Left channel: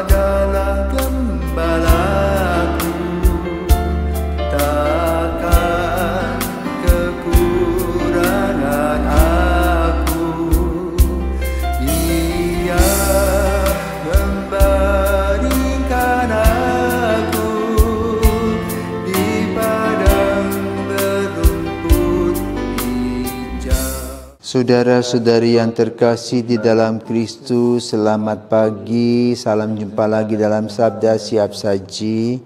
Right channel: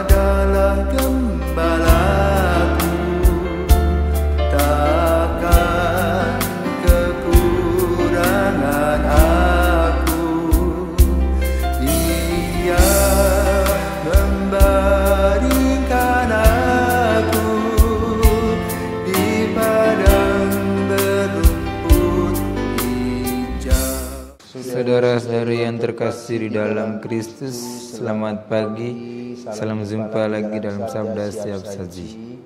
adalah gembalaku, takkan kekurangan aku. Ia membaringkan aku di padang berumput hijau. Saudara-saudari yang terkasih di dalam Kristus, selamat pagi. Salam jumpa lagi dalam Sabda Siap Saji.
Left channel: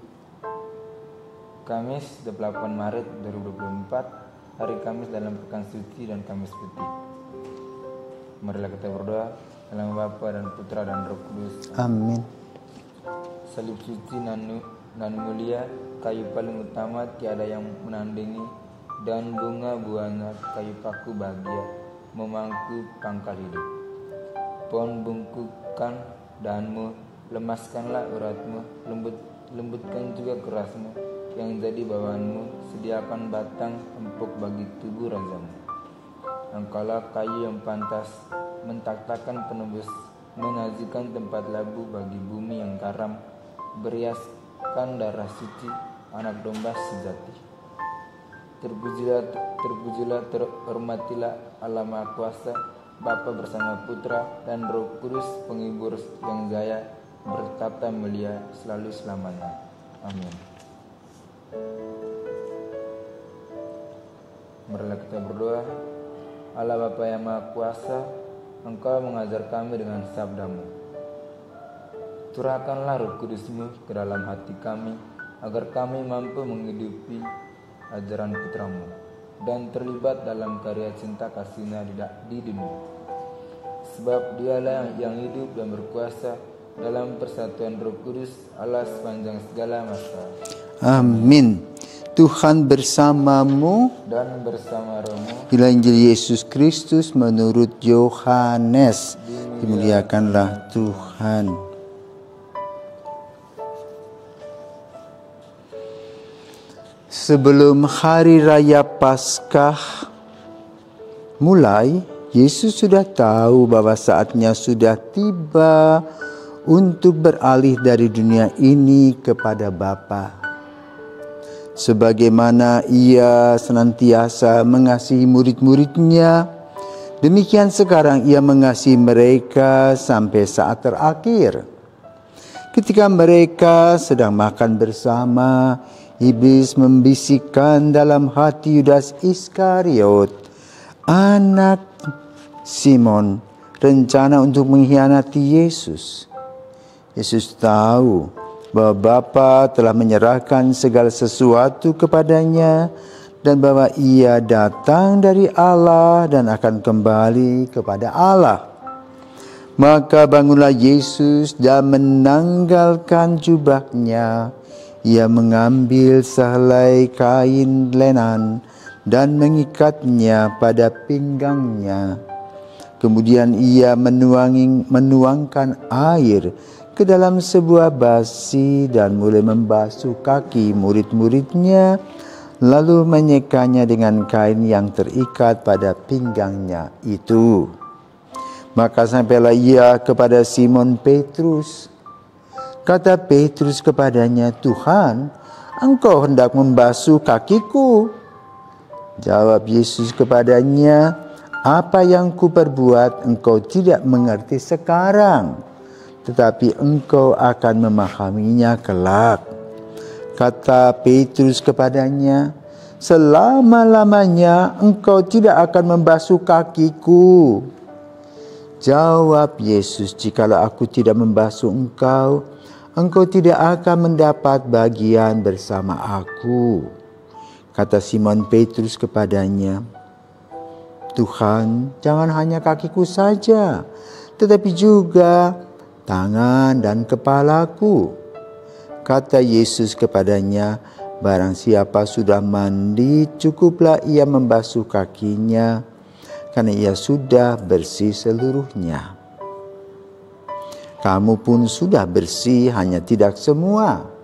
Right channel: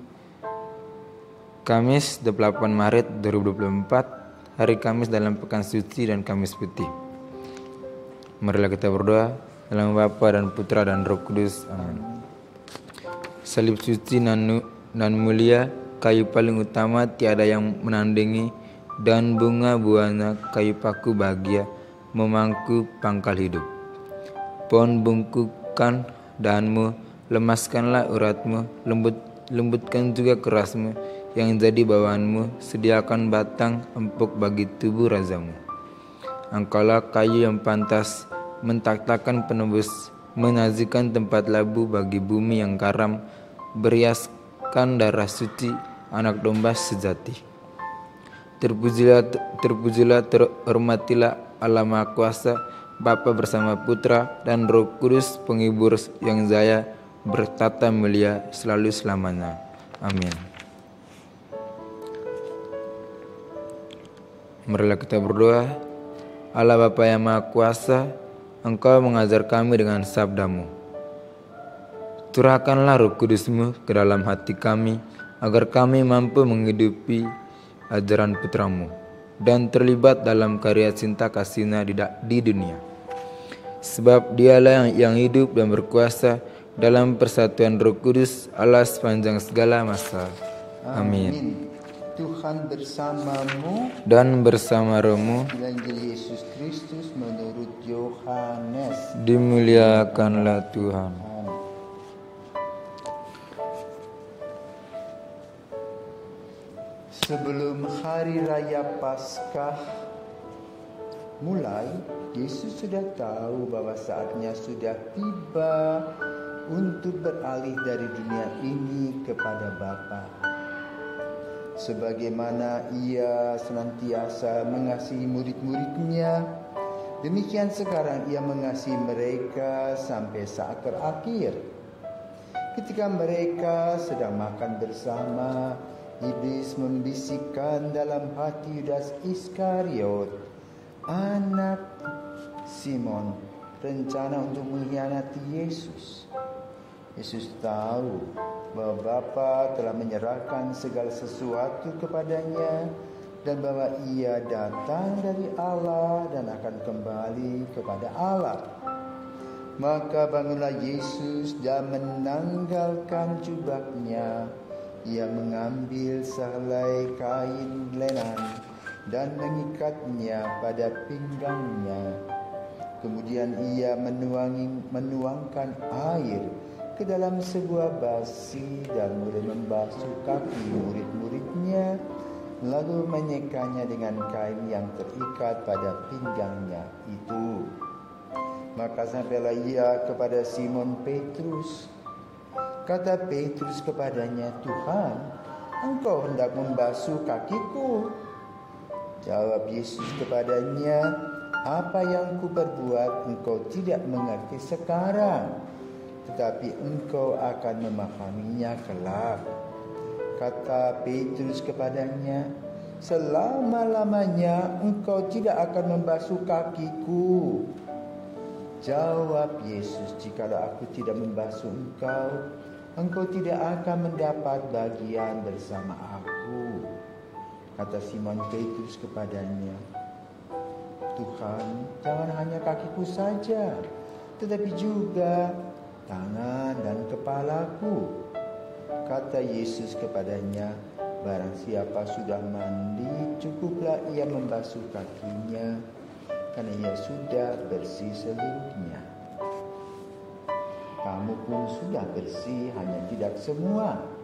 Kamis 28 Maret 2024, hari Kamis dalam Pekan Suci dan Kamis Putih. Marilah kita berdoa dalam Bapa dan Putra dan Roh Kudus. Amin. Salib suci dan mulia, kayu paling utama tiada yang menandingi, dan bunga buahnya kayu paku bahagia memangku pangkal hidup. Pohon bungkukan dahanmu, lemaskanlah uratmu, lembutkan juga kerasmu, yang jadi bawaanmu, sediakan batang empuk bagi tubuh razamu. Engkaulah kayu yang pantas, mentaktakan penebus, menyajikan tempat labu bagi bumi yang karam, beriaskan darah suci anak domba sejati. Terpujilah, terhormatilah Allah Maha Kuasa, Bapa bersama Putra dan Roh Kudus, penghibur yang jaya, bertata mulia selalu selamanya. Amin. Marilah kita berdoa. Allah Bapa yang Maha Kuasa, Engkau mengajar kami dengan sabda-Mu. Curahkanlah Roh Kudus-Mu ke dalam hati kami, agar kami mampu menghidupi ajaran Putra-Mu dan terlibat dalam karya cinta kasih-Nya di dunia. Sebab Dialah yang hidup dan berkuasa dalam persatuan Roh Kudus, Allah sepanjang segala masa. Amin. Tuhan bersamamu Dan bersama rohmu, Inilah Injil Yesus Kristus menurut Yohanes. dimuliakanlah Tuhan. Sebelum hari raya Paskah mulai, Yesus sudah tahu bahwa saatnya sudah tiba untuk beralih dari dunia ini kepada Bapa. Sebagaimana Ia senantiasa mengasihi murid-murid-Nya, demikian sekarang Ia mengasihi mereka sampai saat terakhir. Ketika mereka sedang makan bersama, iblis membisikkan dalam hati Yudas Iskariot, anak Simon, rencana untuk mengkhianati Yesus. Yesus tahu bahwa Bapa telah menyerahkan segala sesuatu kepadanya dan bahwa Ia datang dari Allah dan akan kembali kepada Allah. Maka bangunlah Yesus dan menanggalkan jubahnya. Ia mengambil sehelai kain lenan dan mengikatnya pada pinggangnya. Kemudian Ia menuangkan air ke dalam sebuah basi dan mulai membasuh kaki murid-muridnya, lalu menyekanya dengan kain yang terikat pada pinggangnya itu. Maka sampailah Ia kepada Simon Petrus. Kata Petrus kepadanya, "Tuhan, Engkau hendak membasuh kakiku?" Jawab Yesus kepadanya, "Apa yang kuperbuat engkau tidak mengerti sekarang, tetapi engkau akan memahaminya kelak." Kata Petrus kepadanya, "Selama-lamanya engkau tidak akan membasuh kakiku." Jawab Yesus, "Jikalau aku tidak membasuh engkau, engkau tidak akan mendapat bagian bersama aku." Kata Simon Petrus kepadanya, "Tuhan, jangan hanya kakiku saja, tetapi juga tangan dan kepalaku." Kata Yesus kepadanya, "Barang siapa sudah mandi, cukuplah ia membasuh kakinya, karena ia sudah bersih seluruhnya. Kamu pun sudah bersih, hanya tidak semua."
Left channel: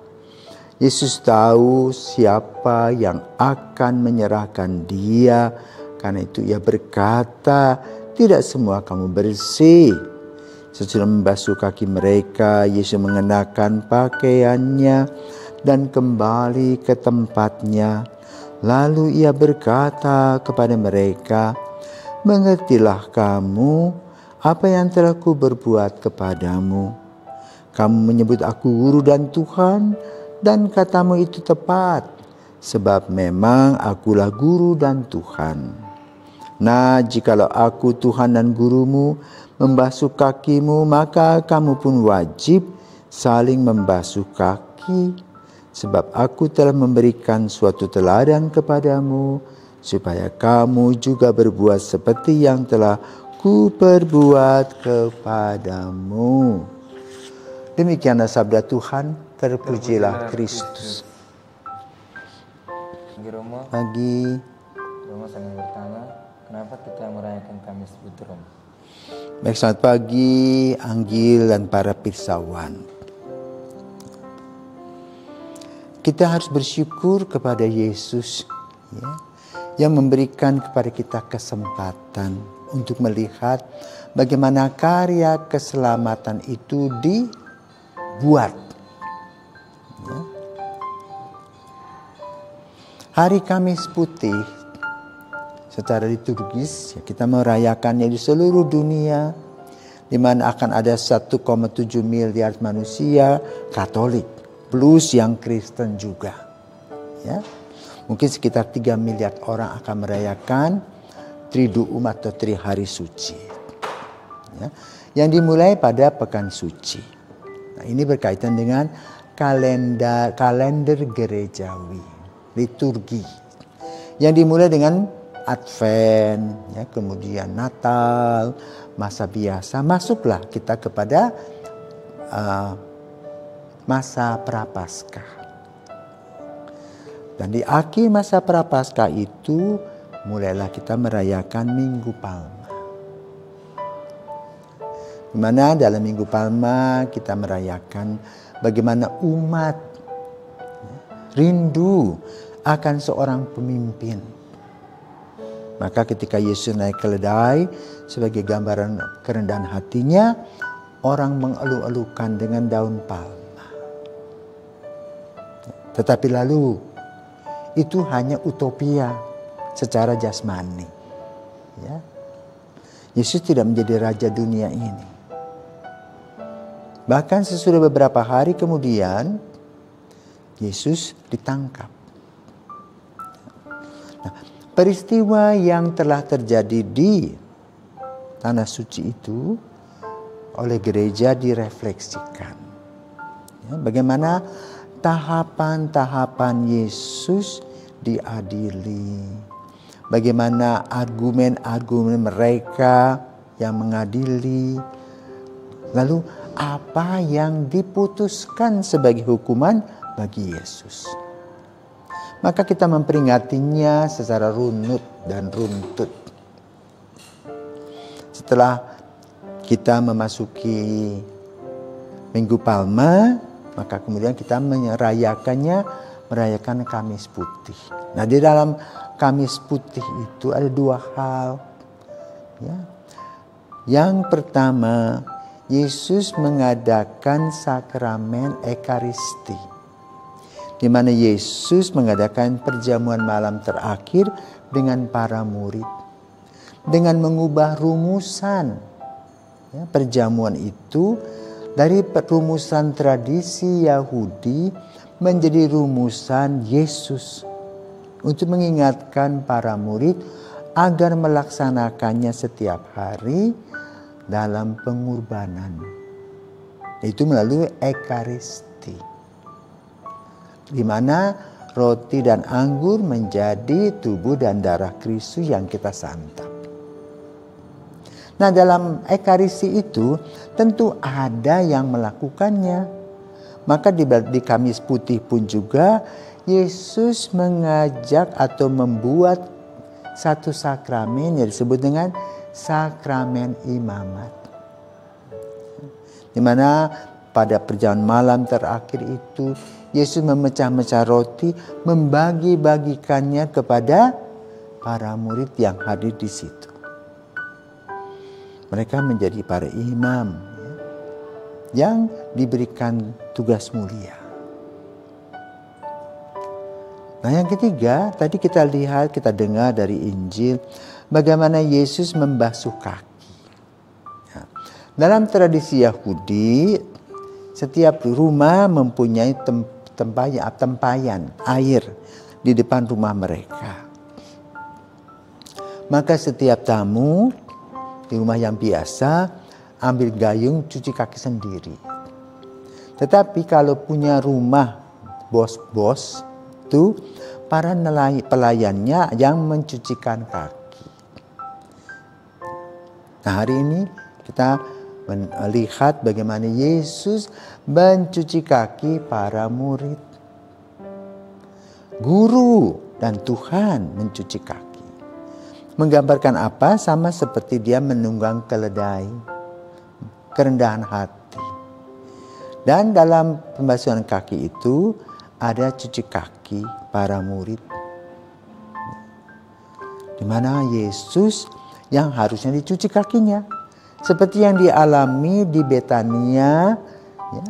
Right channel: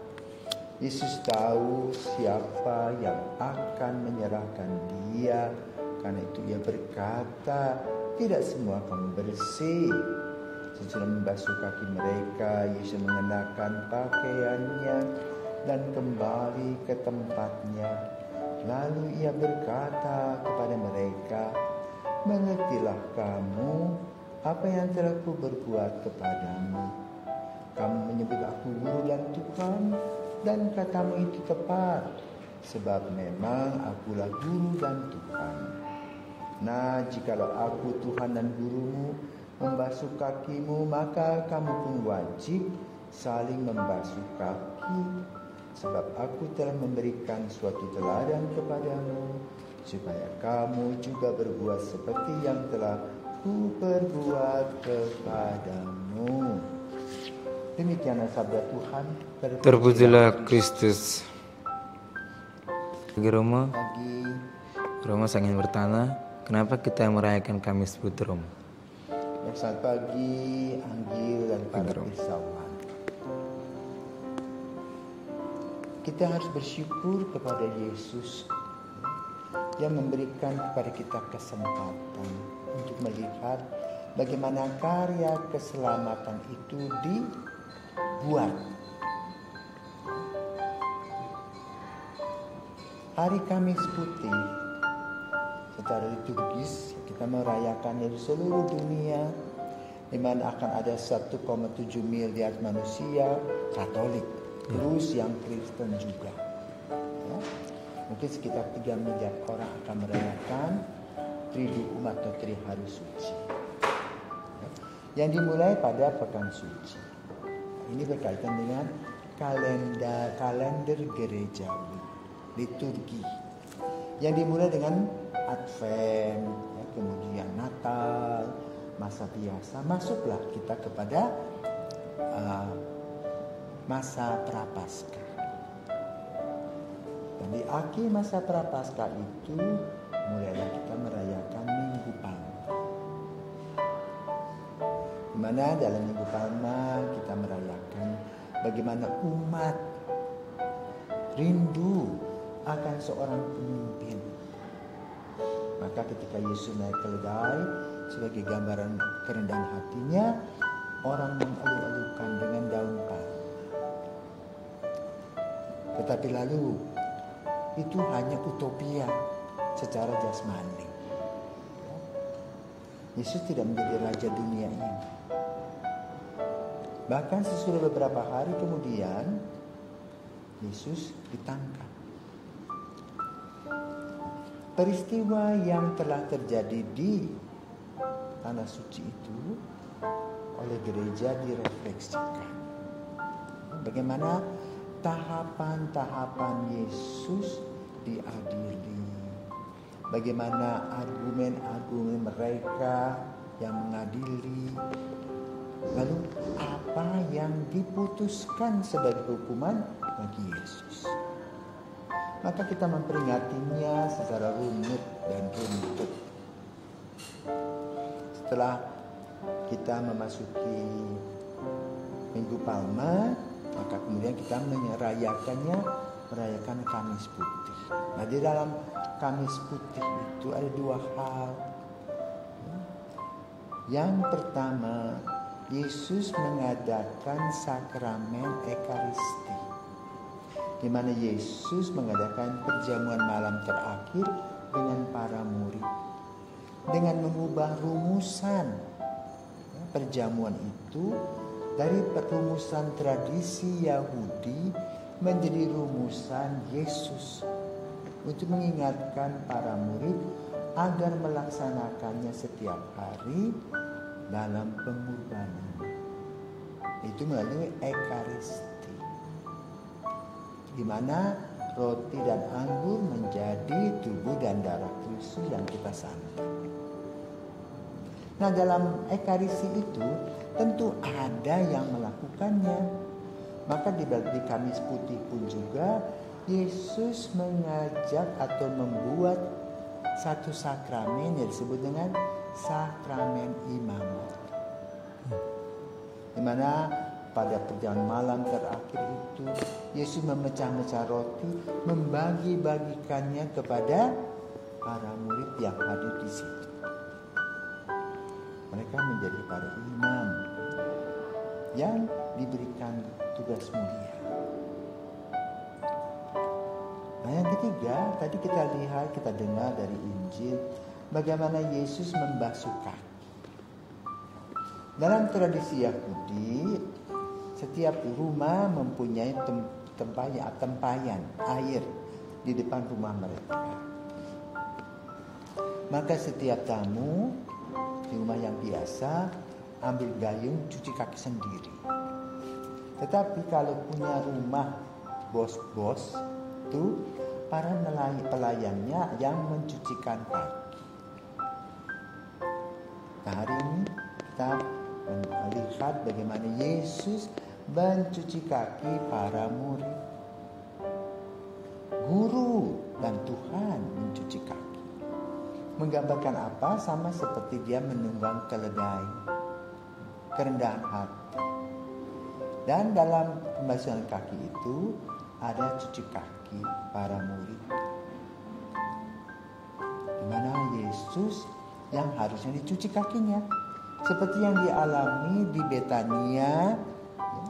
Yesus tahu siapa yang akan menyerahkan Dia, karena itu Ia berkata, "Tidak semua kamu bersih." Sesudah membasuh kaki mereka, Yesus mengenakan pakaiannya dan kembali ke tempatnya. Lalu ia berkata kepada mereka, "Mengertilah kamu apa yang telah kuberbuat kepadamu. Kamu menyebut aku guru dan Tuhan, dan katamu itu tepat, sebab memang akulah guru dan Tuhan. Nah, jikalau aku Tuhan dan gurumu membasuh kakimu, maka kamu pun wajib saling membasuh kaki. Sebab aku telah memberikan suatu teladan kepadamu, supaya kamu juga berbuat seperti yang telah kuperbuat kepadamu." Demikianlah sabda Tuhan. Terpujilah Kristus. Bagi Romo, Bagi Romo saya ingin bertanya, kenapa kita merayakan Kamis Putih, Romo? baik, selamat pagi Anggil dan para pirsawan. Kita harus bersyukur kepada Yesus yang memberikan kepada kita kesempatan untuk melihat bagaimana karya keselamatan itu dibuat. Hari Kamis Putih secara liturgis kita merayakannya di seluruh dunia, di mana akan ada 1,7 miliar manusia Katolik plus yang Kristen juga. Ya. Mungkin sekitar 3 miliar orang akan merayakan Triduum atau Trihari Suci. Ya. Yang dimulai pada Pekan Suci. Nah, ini berkaitan dengan kalender gerejawi, liturgi. Yang dimulai dengan Advent, ya, kemudian Natal, masa biasa, masuklah kita kepada masa Prapaskah. Dan di akhir masa Prapaskah itu mulailah kita merayakan Minggu Palma. Di mana dalam Minggu Palma kita merayakan bagaimana umat rindu akan seorang pemimpin. Maka ketika Yesus naik keledai sebagai gambaran kerendahan hatinya, orang mengeluh-elukan dengan daun palma. Tetapi lalu itu hanya utopia secara jasmani. Ya. Yesus tidak menjadi raja dunia ini. Bahkan sesudah beberapa hari kemudian Yesus ditangkap. Nah, peristiwa yang telah terjadi di Tanah Suci itu oleh gereja direfleksikan. Ya, bagaimana tahapan-tahapan Yesus diadili. Bagaimana argumen-argumen mereka yang mengadili. Lalu apa yang diputuskan sebagai hukuman bagi Yesus. Maka kita memperingatinya secara runut dan runtut. Setelah kita memasuki Minggu Palma, maka kemudian kita merayakan Kamis Putih. Nah, di dalam Kamis Putih itu ada 2 hal. Ya. Yang pertama, Yesus mengadakan sakramen Ekaristi, di mana Yesus mengadakan perjamuan malam terakhir dengan para murid, dengan mengubah rumusan. Ya, perjamuan itu dari rumusan tradisi Yahudi menjadi rumusan Yesus untuk mengingatkan para murid agar melaksanakannya setiap hari dalam pengorbanan. Itu melalui Ekaristi, di mana roti dan anggur menjadi tubuh dan darah Kristus yang kita santap. Nah, dalam Ekaristi itu tentu ada yang melakukannya. Maka di Kamis Putih pun juga Yesus mengajak atau membuat satu sakramen yang disebut dengan sakramen imamat. Di mana pada perjamuan malam terakhir itu Yesus memecah-mecah roti, membagi-bagikannya kepada para murid yang hadir di situ. Mereka menjadi para imam, yang diberikan tugas mulia. Nah, yang ketiga, tadi kita lihat, kita dengar dari Injil bagaimana Yesus membasuh kaki. Ya. Dalam tradisi Yahudi, setiap rumah mempunyai tempayan air di depan rumah mereka. Maka setiap tamu di rumah yang biasa ambil gayung cuci kaki sendiri. Tetapi kalau punya rumah bos-bos, itu para pelayannya yang mencucikan kaki. Nah, hari ini kita melihat bagaimana Yesus mencuci kaki para murid. Guru dan Tuhan mencuci kaki. Menggambarkan apa? Sama seperti dia menunggang keledai, kerendahan hati. Dan dalam pembasuhan kaki itu ada cuci kaki para murid. Di mana Yesus yang harusnya dicuci kakinya. Seperti yang dialami di Betania ya,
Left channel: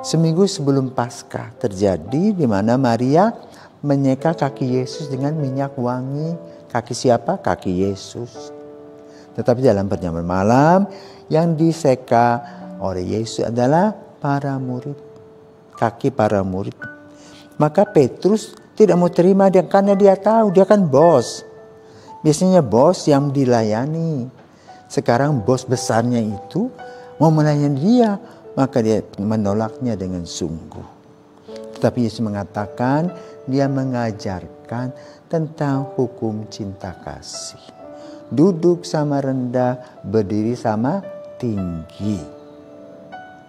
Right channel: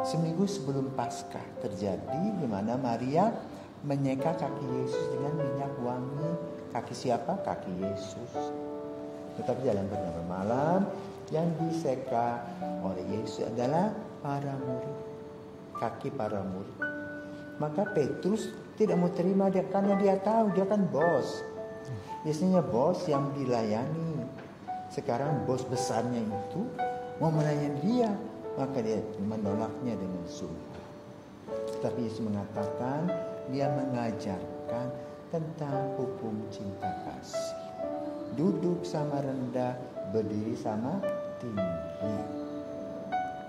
seminggu sebelum Paskah terjadi, di mana Maria menyeka kaki Yesus dengan minyak wangi. Kaki siapa? Kaki Yesus. Tetapi dalam perjamuan malam yang diseka oleh Yesus adalah para murid. Kaki para murid. Maka Petrus tidak mau terima dia karena dia tahu dia kan bos. Biasanya bos yang dilayani. Sekarang bos besarnya itu mau melayani dia, maka dia menolaknya dengan sungguh. Tetapi Yesus mengatakan dia mengajarkan tentang hukum cinta kasih. Duduk sama rendah, berdiri sama tinggi.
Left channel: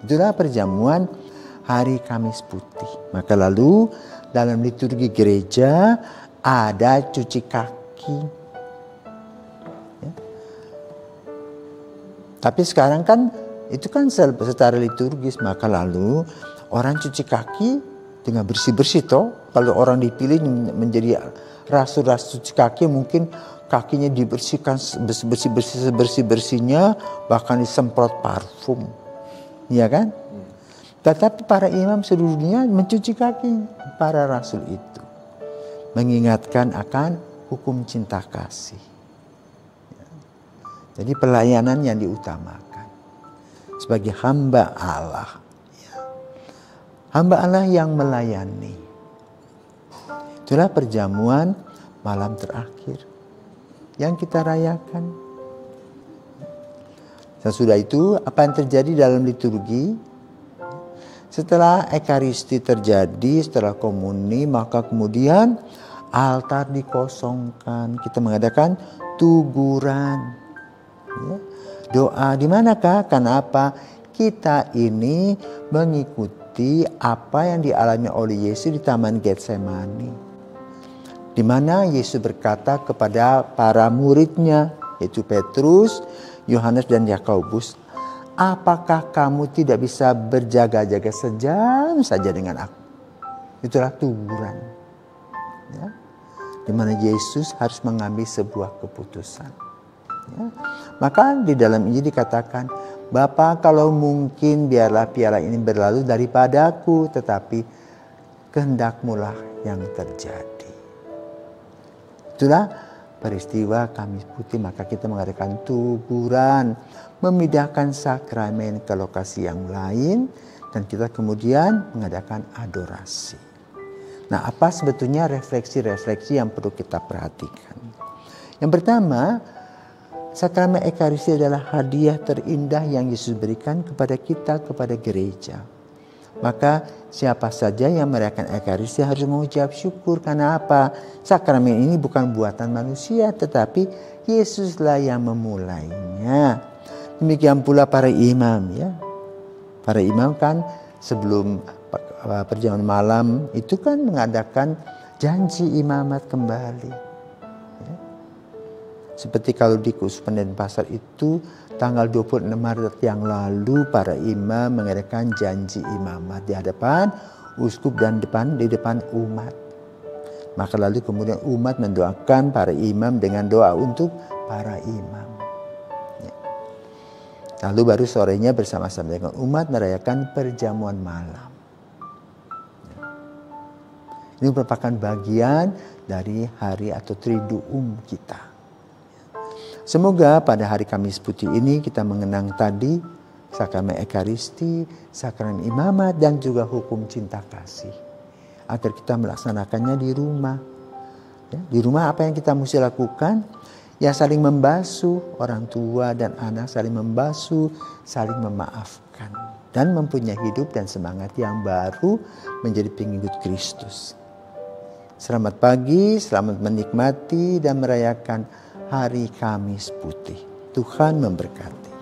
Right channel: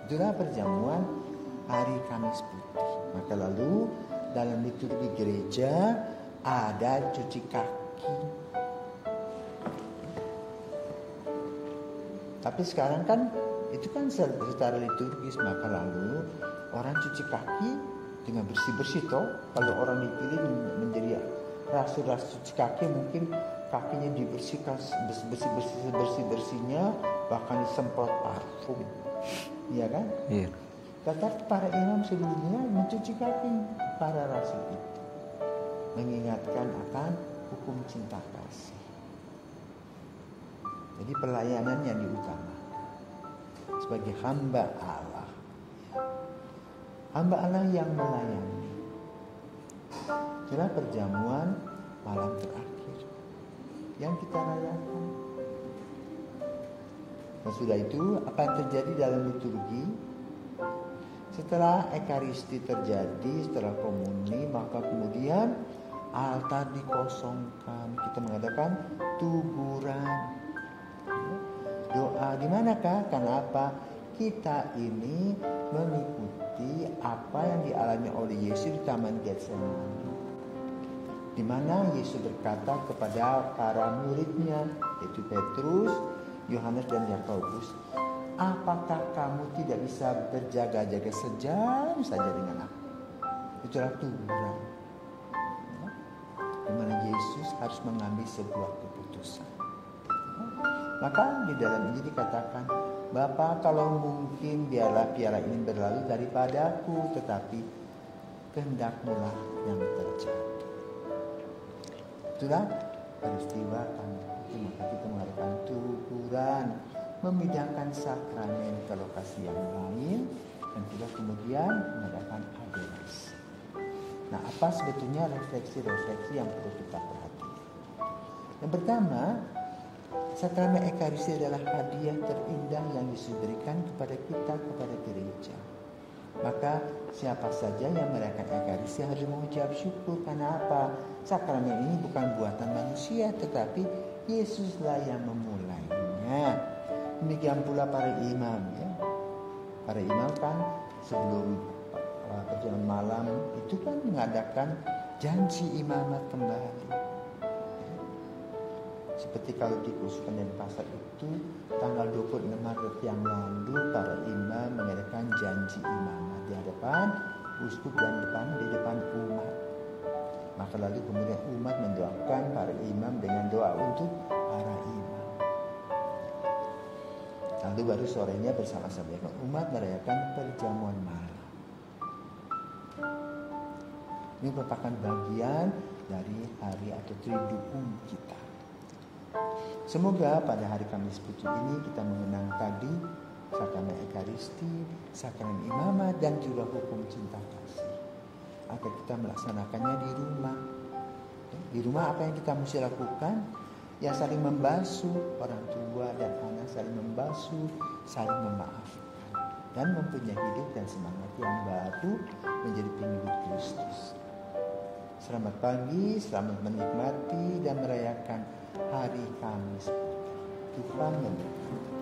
Itulah perjamuan hari Kamis Putih. Maka lalu dalam liturgi gereja ada cuci kaki. Ya. Tapi sekarang kan itu kan secara liturgis. Maka lalu orang cuci kaki dengan bersih-bersih toh. Kalau orang dipilih menjadi rasul-rasul cuci kaki, mungkin kakinya dibersihkan bersih-bersihnya, bahkan disemprot parfum. Iya kan? Iya. Tetapi para imam seluruh dunia mencuci kaki para rasul itu. Mengingatkan akan hukum cinta kasih. Jadi pelayanan yang diutamakan. Sebagai hamba Allah. Hamba Allah yang melayani. Itulah perjamuan malam terakhir yang kita rayakan. Sesudah itu apa yang terjadi dalam liturgi? Setelah Ekaristi terjadi, setelah komuni, maka kemudian altar dikosongkan. Kita mengadakan tuguran. Ya. Doa di manakah? Kenapa? Kita ini mengikuti apa yang dialami oleh Yesus di Taman Getsemani. Di mana Yesus berkata kepada para muridnya, yaitu Petrus, Yohanes dan Yakobus, apakah kamu tidak bisa berjaga-jaga sejam saja dengan aku? Itulah tuguran. Ya. Di mana Yesus harus mengambil sebuah keputusan. Ya. Maka di dalam Injil dikatakan, Bapa kalau mungkin biarlah piala ini berlalu daripadaku, tetapi kehendak-Mu-lah yang terjadi. Itulah peristiwa Kamis Putih, maka kita mengadakan tuguran, memindahkan sakramen ke lokasi yang lain, dan kita kemudian mengadakan adorasi. Nah, apa sebetulnya refleksi-refleksi yang perlu kita perhatikan? Yang pertama, sakramen Ekaristi adalah hadiah terindah yang Yesus berikan kepada kita, kepada gereja. Maka siapa saja yang merayakan Ekaristi harus mengucap syukur. Karena apa? Sakramen ini bukan buatan manusia, tetapi Yesuslah yang memulainya. Demikian pula para imam, ya. Para imam kan sebelum perjamuan malam itu kan mengadakan janji imamat kembali. Ya. Seperti kalau di Keuskupan Denpasar itu tanggal 26 Maret yang lalu para imam mengadakan janji imamat di hadapan uskup dan di depan umat. Maka lalu kemudian umat mendoakan para imam dengan doa untuk para imam. Ya. Lalu baru sorenya bersama-sama dengan umat merayakan perjamuan malam. Ini merupakan bagian dari hari atau Triduum kita. Semoga pada hari Kamis Putih ini kita mengenang tadi sakramen Ekaristi, sakramen imamat, dan juga hukum cinta kasih. Agar kita melaksanakannya di rumah. Ya, di rumah apa yang kita mesti lakukan? Ya, saling membasuh, orang tua dan anak saling membasuh, saling memaafkan. Dan mempunyai hidup dan semangat yang baru menjadi pengikut Kristus. Selamat pagi, selamat menikmati dan merayakan hari Kamis Putih. Tuhan memberkati.